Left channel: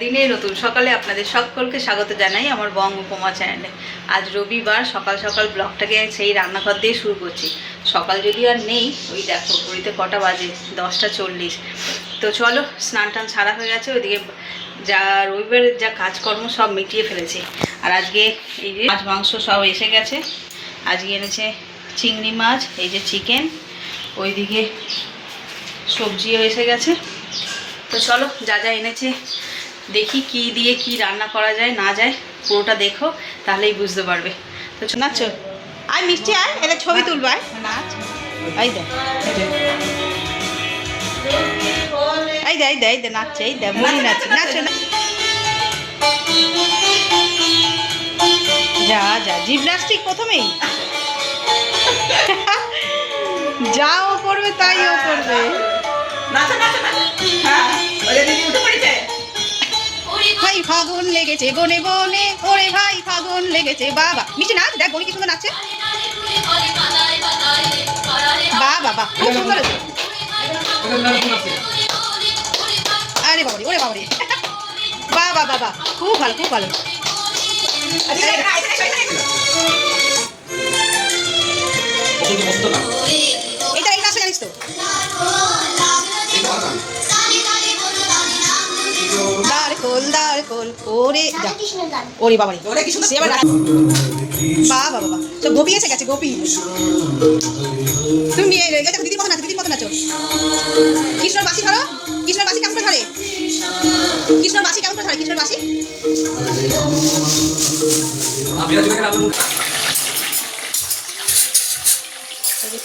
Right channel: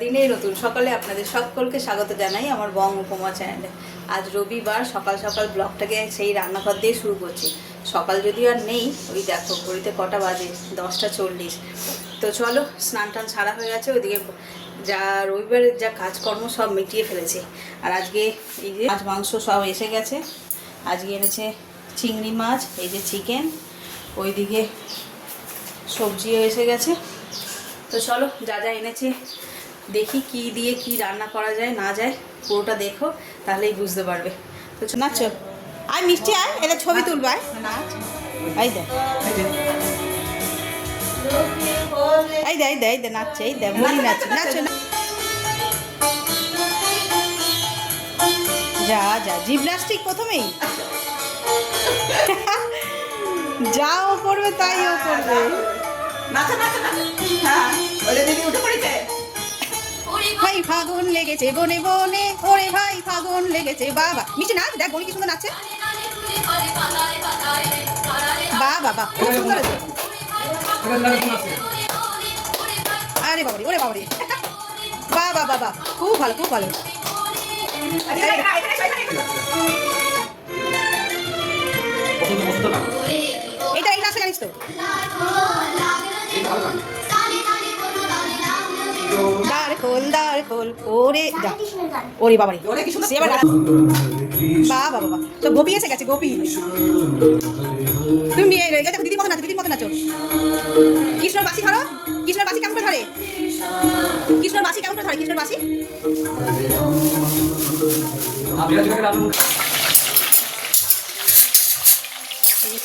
দিনে নতুন সকালে আপনাদের সকলকে স্বাগত জানাই আমার বঙ্গ উপমা চ্যানেলে। আজ রবিবার, সকাল সকাল ব্লগটাকে সেই রান্নাঘর দিয়ে শুরু করছি। সকাল যদি আর নেই, ওই দেখো ঘড়িতে কটা বাজে, 10টা 40। তো চলো, স্নান টান ছাড়া হয়ে গেছে, ওইদিকে যা রবিবারের যা কাজকর্ম সব মিটিয়ে ফেলেছি। আর আজকে এই যে মাছ মাংস সব এসে গেছে। আজকে এনেছে চিংড়ি মাছ, এই যে চিকেন, ওইদিকে সবজিও এসে গেছে। তো চলো, যা যা এনেছে দেখি কি দিয়ে কি রান্না করা যায় না যায়, পুরোটা দেখো, তাহলেই বুঝতে পারবে। তো নাচো, আয় মিষ্টি, আয়, এটা ছবি তুলবা, নাচ। এই দে এই দে এই দে এই দে নাচছে, এই দে মুনি নাচছে, নাচো না। যা যা জিমনাস্টিক প্রথমেই যা ও করবে তাই ও করবে। ভাই ফাগুন লেগেছে বনে বনে, ওরে ভাই ফাগুন লেগেছে। বাবা মিষ্টি নাচ, দেখ বনি কি সুন্দর নাচছে। বাবা খুব সুন্দর। আরে বাবারি, ওরে বাবারি, বাবা বাবা, খুব ভালো খুব ভালো। এইটা এই নাচটা জানিস তো? ওরে বাবা, বাবা বাবা, সব গোপী এসে গেছে, গোপী। তুমি দেখো দিদির মতো নাচো, দিদির মতো নাচো। কৃষ্ণর বাসি ধরো, কৃষ্ণর বাসি কেমন ধরে, কৃষ্ণর বাসি কেমন ধরে, কৃষ্ণর বাসি।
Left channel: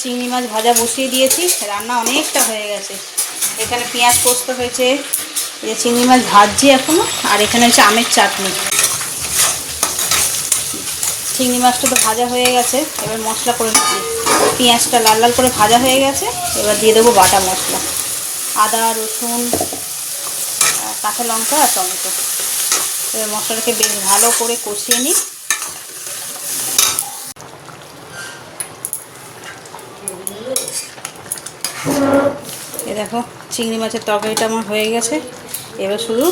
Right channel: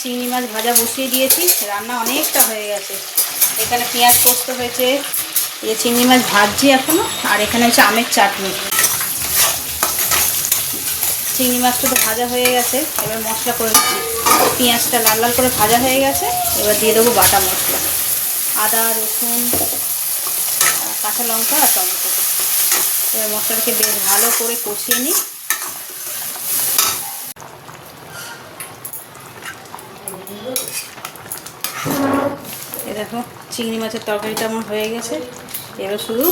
চিংড়ি মাছ ভাজা বসিয়ে দিয়েছি, রান্না অনেকটা হয়ে গেছে। এখানে পেঁয়াজ পোস্ত হয়েছে, যে চিংড়ি মাছ ভাজছি এখনো, আর এখানে হচ্ছে আমের চাটনি। চিংড়ি মাছটা তো ভাজা হয়ে গেছে, এবার মশলা করে নিচ্ছি। পেঁয়াজটা লাল লাল করে ভাজা হয়ে গেছে, এবার দিয়ে দেবো বাটা মশলা, আদা রসুন কাঁচা লঙ্কা আর টমেটো। এবার মশলাটাকে বেশ ভালো করে কষিয়ে নিই। এ দেখো চিংড়ি মাছের তরকারিটা আমার হয়ে গেছে। এবার শুধু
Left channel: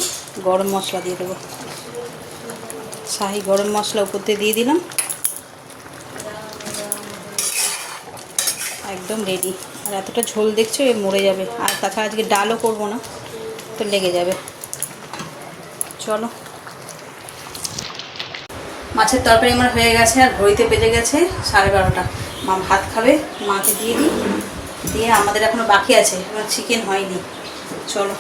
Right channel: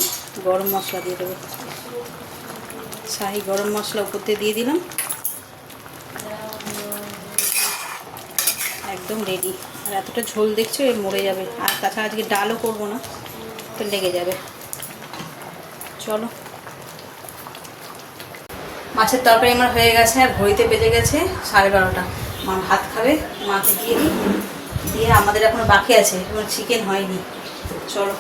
গরম মশলা দিয়ে দেবো, শাহি গরম মশলা উপর দিয়ে দিলাম। একদম রেডি। আর এতটা ঝোল দেখছো, এ মরে যাবে। আর তাছাড়া আজকে ডালও করবো না, তো লেগে যাবে। চলো, মাছের তরকারি আমার হয়ে গেছে, আর ঘড়িতে বেজে গেছে 12:30। মা ভাত খাবে, মাকে দিয়ে দিই, দিয়ে আমাদের এখনো বাকি আছে, আমার চিকেন হয়নি। চলো,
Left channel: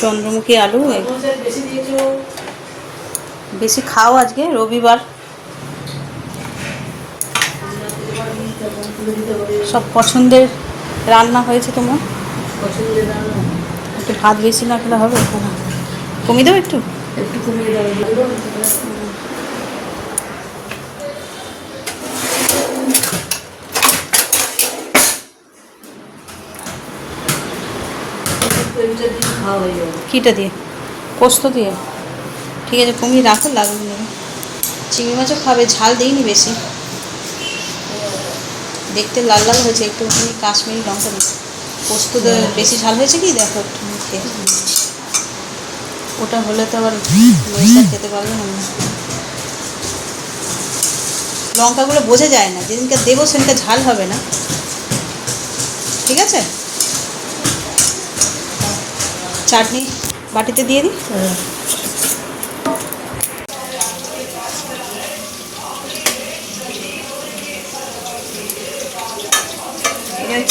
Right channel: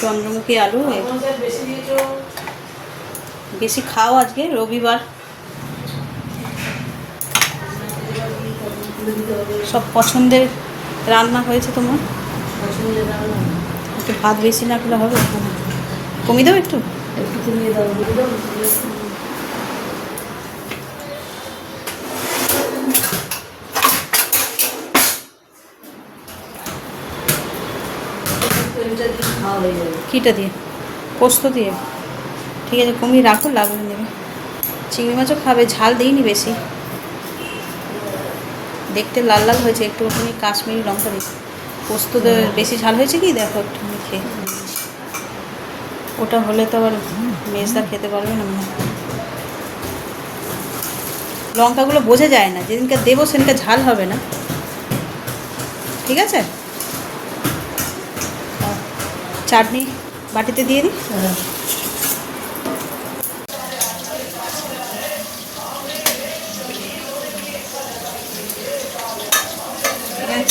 চন্দ্রমুখী আলু বেশি খাও, আজকে রবিবার। সব পছন্দের রান্না হয়েছে তোমার, একটু ভাত বেশি না খেলে হবে, কমিয়ে দেবো একটু। কিটা দিয়ে, পোস্ত দিয়ে, ঠিক আছে কমিয়ে রাখো, লাগবে না। চিংড়ি মাছও খাবে, ঝাল দিইনি বেশি, দেখতে লাল লাল হয়েছে, একটু কাশ্মীরি লঙ্কা দিচ্ছি। পোস্ত বেশি ঝাল হয়েছে কি দেখো, একটু খেয়ে ওটা হলে তো আবার মেয়েটা খেতে পারবে না। লঙ্কাগুলো বোঝা যায় না, যেদিনকে দেবো সেদিনকে ঝাল হবে না, ঠিক আছে। চাটনি বাটিতে দিয়ে দিই।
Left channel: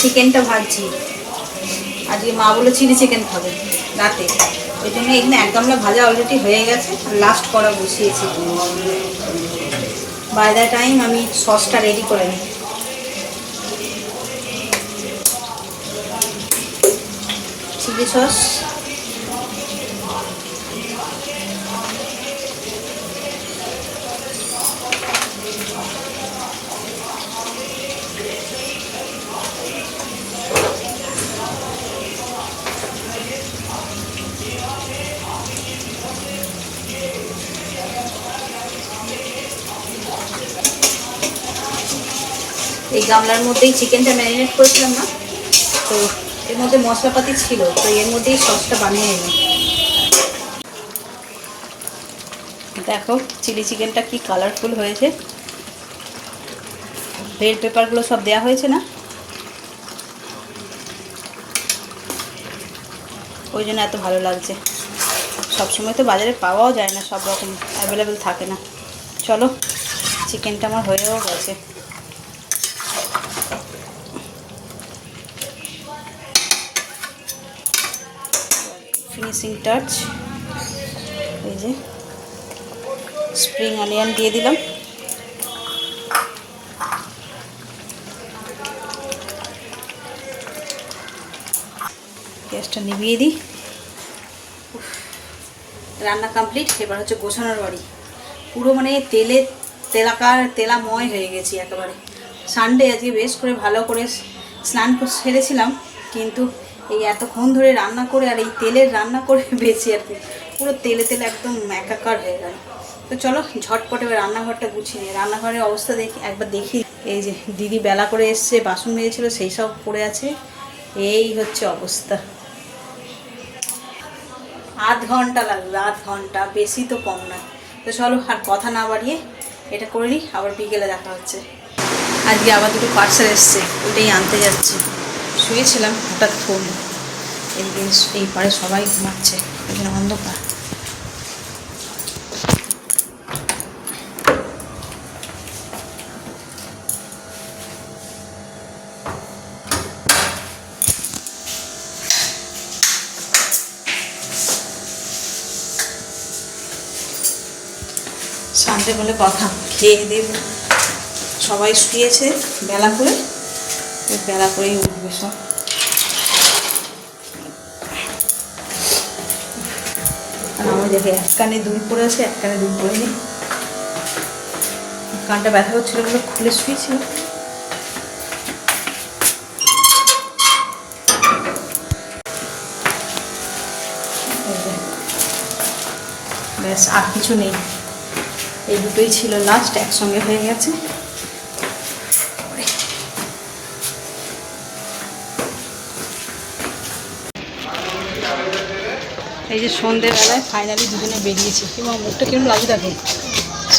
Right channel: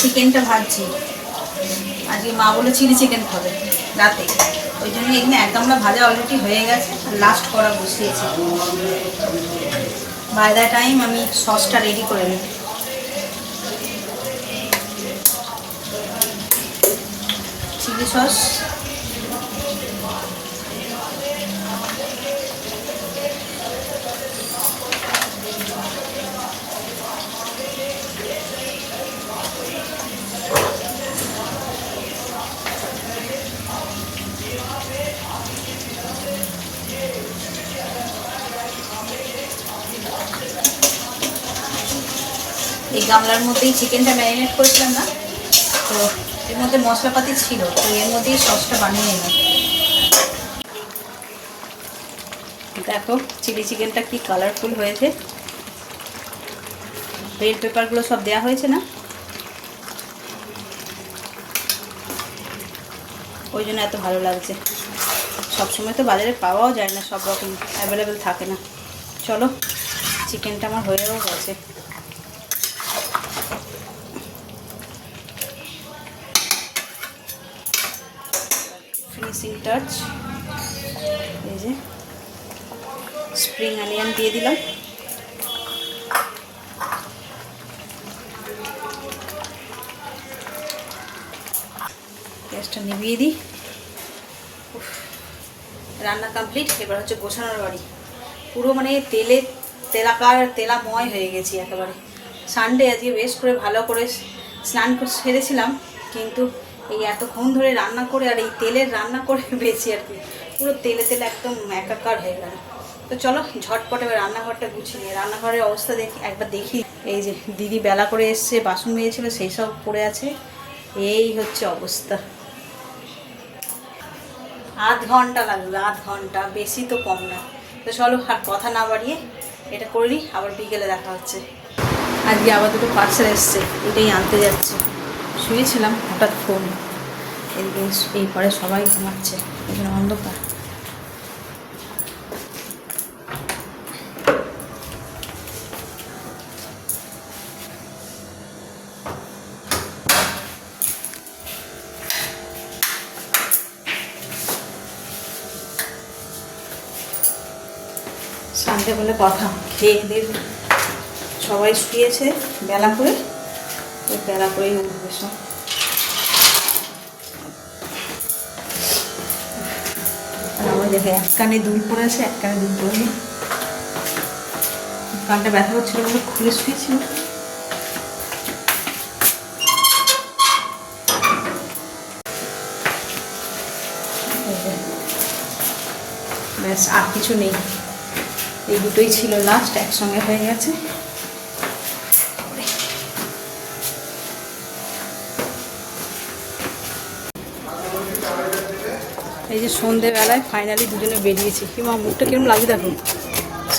চিকেনটা ভাজছি, আজকে মা বলে চিলি চিকেন খাবে রাতে, ওই জন্য এখানে এক গামলা ভাজা অলরেডি হয়ে গেছে, আর লাস্ট করা বসিয়েছি। বাই দ্য টাইম আমি সসটা রেডি করে নিই। চিলি সস, এই গামলার মধ্যেই চিকেনটা ম্যারিনেট করেছিলাম না, তো এর মধ্যে মশলাপাতি ছিল, তো এর মধ্যেই সসটা বানিয়ে নিলাম। দেখো চিলি চিকেনটা কি কালারফুল হয়েছে, বেল পেপারগুলো সব দেওয়া হয়েছে না, ওই জন্য এত ভালো লাগছে। সবসময় তো বাজারে পাওয়াও যায় না, সব রকম অ্যাভেলেবেল থাকে না। চলো চিকেনটা আমার হয়েও গেছে। ফিনিশিং টাচ, এই যে স্প্রিং অনিয়ন দিয়ে দিলাম। গ্যাসটা নিভিয়ে দিই। রান্না কমপ্লিট। এবার হচ্ছে গোছানোর বাড়ি। পুরো মানে তেলাময় হয়ে গেছি একেবারে। সানডে আজকে বেশ করে ভালো করে স্নান সেরেছিলাম, কিন্তু এই এতক্ষণ ধরে রান্না করে আর এই তেলের রান্না করে বেশি আর কি পুরো তেলে একদম একাকার হয়ে গেল। তো চলো ঝটপট এবার রান্নাঘরটা গুছিয়ে নিই। রান্নাঘরের অবস্থা একবার দেখি। এই যে দিদি বেলা করে এসছে, বাসন মেজেছিল, সেই সব পড়ে আছে। এই হচ্ছে অবস্থা। আধ ঘন্টা লাগলো, আধ ঘন্টা, বেশি তো কম না। তো চলো আর কথা না বাড়িয়ে এটা করে নিই, আবার বিকেলে দেখা হচ্ছে। আজকে আবার দুটো পার্সেল এসছে, ওটাই আনতে যাচ্ছি। শুয়েছিলাম, হঠাৎ ফোন। এই পারে সবাই ঘুমাচ্ছে, অন্ধকার। সানডে বলে কথা, খেয়ে দিয়ে সবাই শুয়েছে বেলা করেই উঠবে সব। আর আমার দেখে এক কানে দুল পড়েছে, এক কানে দুল পড়েনি। কানটা ব্যথা হচ্ছিল বলে খুলে শুয়েছিল। ব্যাস আর কিছু নেই, এই দুটোই ছিল লাস্ট, একসঙ্গে হয়ে গেছে। এই যে সন্ধ্যেবেলায় ফাইনালি দুজনে বেরিয়েছি, এবং মুখটা কেমন লাগছে দেখো,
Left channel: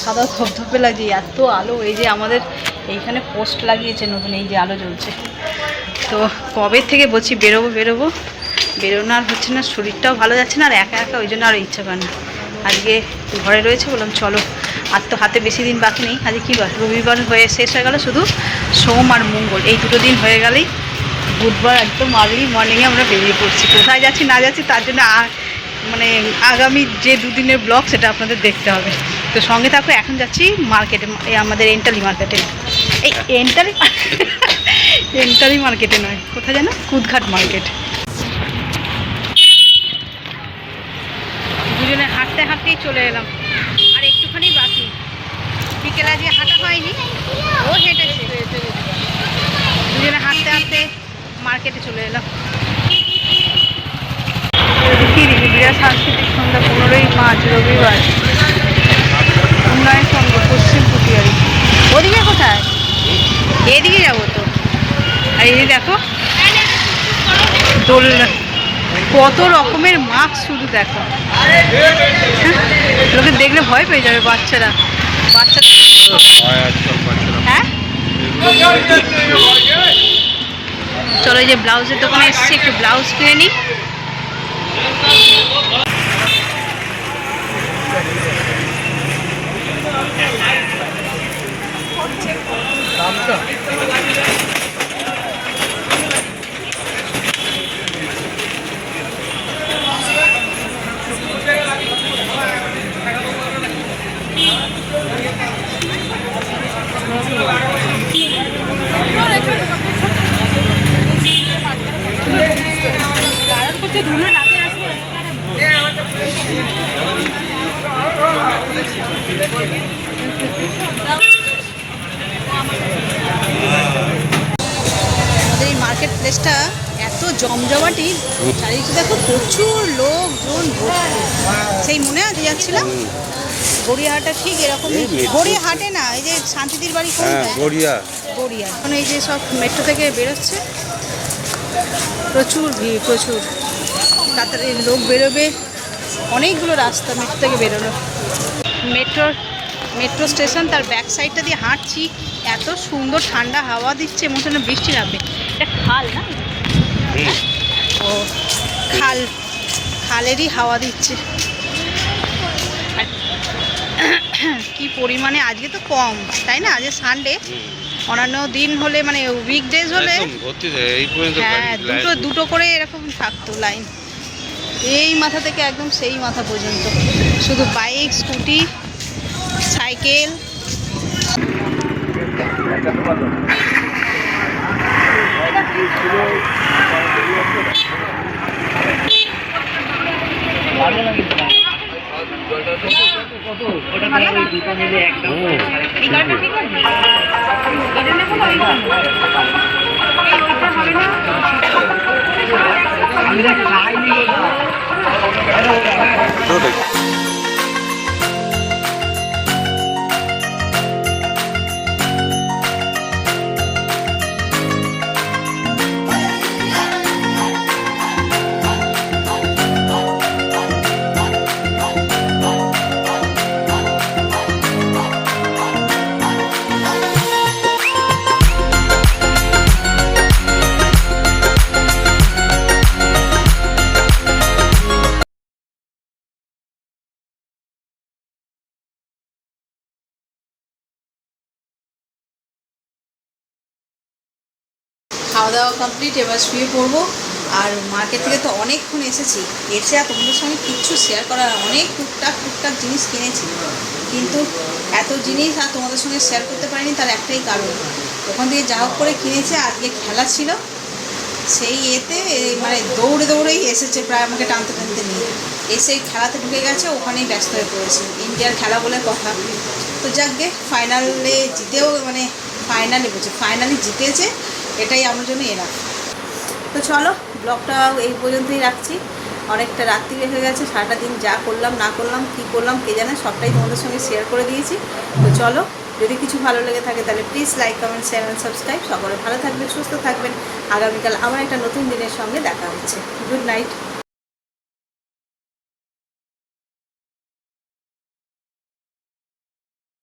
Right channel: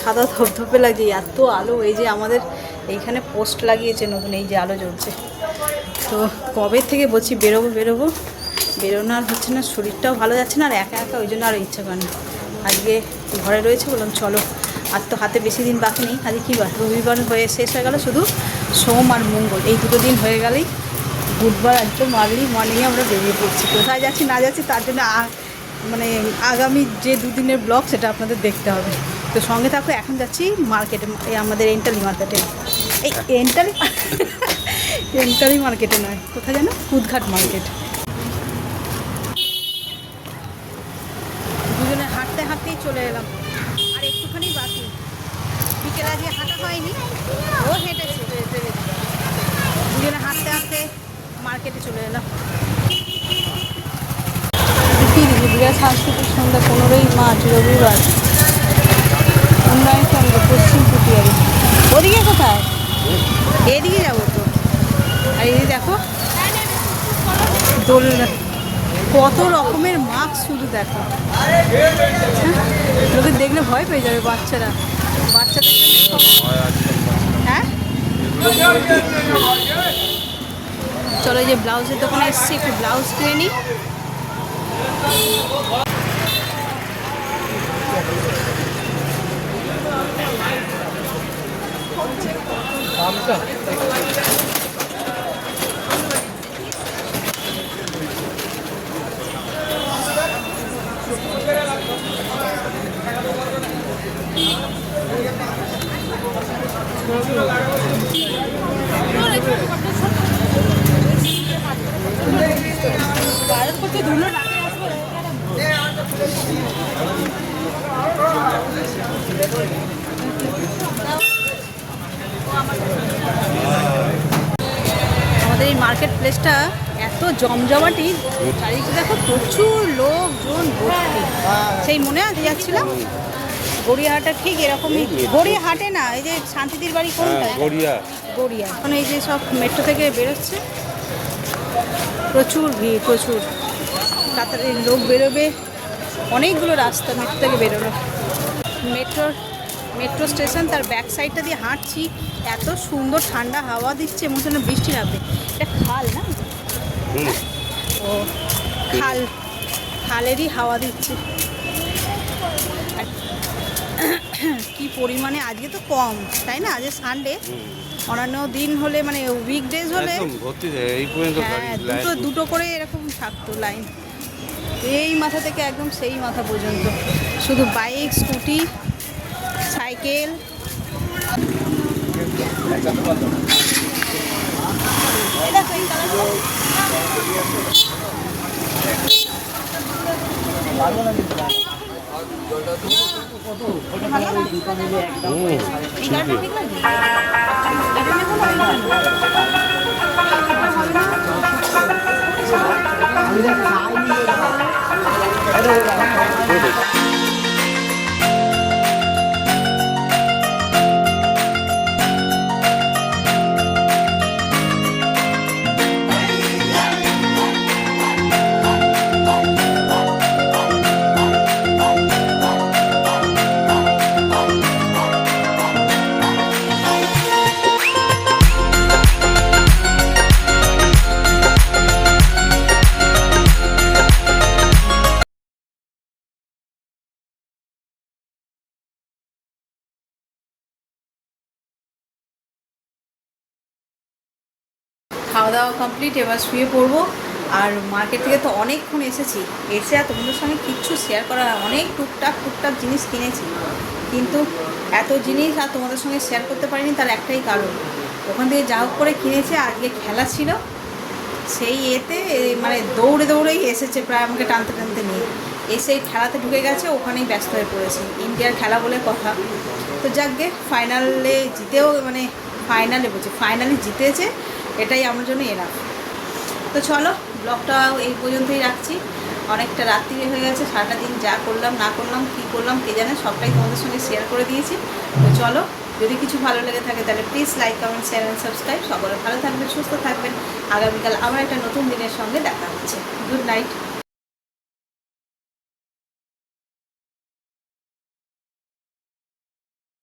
সাদা ধপধপে লাগছে, এত আলো। এই যে আমাদের এইখানে পোস্ট লাগিয়েছে নতুন, এই যে আলো জ্বলছে। তো কবে থেকে বলছি বেরোনো আর হচ্ছে না, শরীরটাও ভালো যাচ্ছে না, আর একা একা ওই জন্য আর ইচ্ছা করে না। আজকে ঘরে রয়েছে, বললাম চলো, আর তো হাতে বেশি দিন বাকি নেই। আজকে কী বার, রবিবার হয়ে শেষ হয়ে গেল, শুধু সোম আর মঙ্গল এই দুটো দিন হয়ে গেলেই বুধবার একদম আর্লি মর্নিংয়ে আমরা বেরিয়ে পড়ছি। কোথায় যাচ্ছি না যাচ্ছি তার জন্য মানে আগামী যে দুদিনের ব্লগ সেটা আপনাদের দেখতে হবে। তো সঙ্গে থাকো। এখন যাচ্ছি মার্কেটে, আমাদের এন্টালি মার্কেটে। এই এন্টালি মার্কেটে নয়, কোথায় যেন, কুদঘাট মার্কেট। দুজনে হাঁটতে হাঁটতেই চলে এলাম, আর একটুখানি বাকি। বিকেল আগে হাঁটা হয়নি, ও হেঁটেছে। দুজনে হাঁটতে হাঁটতে মার্কেটে চলে এলাম। সাংস্কৃতিক সন্ধ্যা 15ই মার্চ রবিবার, উন্নয়ন সংঘ পশ্চিম পুটিয়ারি। ওদিকে কোথায়? এদিকে যাবো তো। আর এই দেখো দোলনা, কত রকমের মাস্ক, শুধু দেখো। লোকে দেখলে ভয় পেয়ে যাবে বাচ্চারা। হ্যাঁ চলো, এই যে ব্লাউজের দোকানে এসেছি, একটু ব্লাউজ কিনে নিই। মার্কেট প্লেসটা এত জমজমাটি, চারিদিকে দেখো প্রচুর লোকজন। সেই মনে আছে যাচ্ছিলাম, গড়িয়াহাটা ঠিক এরকম, গড়িয়াহাটে না, এই যে শান্তিদির বাড়ি কোনটা, গড়িয়া। এখন এই যে সব মেট্রো থেকে বেরোচ্ছে, প্রচুর ভিড়, প্রচুর তাড়াতাড়ি লোক বেরোবে, অনেকগুলো রাস্তা মেট্রো থেকে বেরোলো। মেট্রো স্টেশন, তার ব্যাক সাইডটা দিয়ে হাঁটছি, এত সুন্দর ঠান্ডা হাওয়া দিচ্ছে, মনে হচ্ছে বৃষ্টি নামবে। এটা খাল না, ও খালেরই হাওয়া দিচ্ছে। কি পরিমাণে, আজকে তো কম তাই না, আজকে সানডে, অন্যান্য দিন হলে মানে উইকডেজ হলে হ্যাঁ দুটো করে এরকম থাকতো লাইন, এই মাথা থেকে একদম সেই মাথা পর্যন্ত, শুধু বাইক, স্কুটি, সাইকেল। খাওয়া দাওয়া কমপ্লিট, এবার শুয়ে পড়বো। আর মার্কেট থেকে তো অনেকক্ষণ এসেছি, এসে আর তোমাদের সঙ্গে কিচ্ছু শেয়ার করা না, অনেক টুকটাক জিনিস কিনেছি, কিন্তু এত জিনিস আর তোমাদের সঙ্গে শেয়ার করতে পারিনি, তার একটাই কারণ, ওখান থেকে যা হোক করে কিনেছে, আজকে খেলা ছিল, সেই এতে মানে দৌড়েই এসেছে, প্রায় আমাকে টানতে নিয়ে এসে খেলাতে ঢুকে গেছে, ওখানেই ব্যস্ত হয়ে পড়েছে, ইন্ডিয়ার খেলা বলে কথা। তো যাক গে, ফাইনালে জিতেও, মানে ফাইনালি জিতেছে, এটাই আমার জন্য এরা। তো চলো, ব্লগটা এই পর্যন্তই রাখছি, অনেকটা রাত্রিরে হয়ে গেছে, সারাটা দিন যা করলাম না করলাম, কী করলাম কে জানে, সবটাই তোমাদের সঙ্গে শেয়ার করে দিয়েছি। তো চলো, যদি কিছু ভালো লেগে থাকে তাহলে please like, comment, share and subscribe. সকলে ভালো থাকবেন, সুস্থ থাকবেন। আগামীকাল আবার একটা নতুন দিনের সঙ্গে দেখা হচ্ছে। Good night.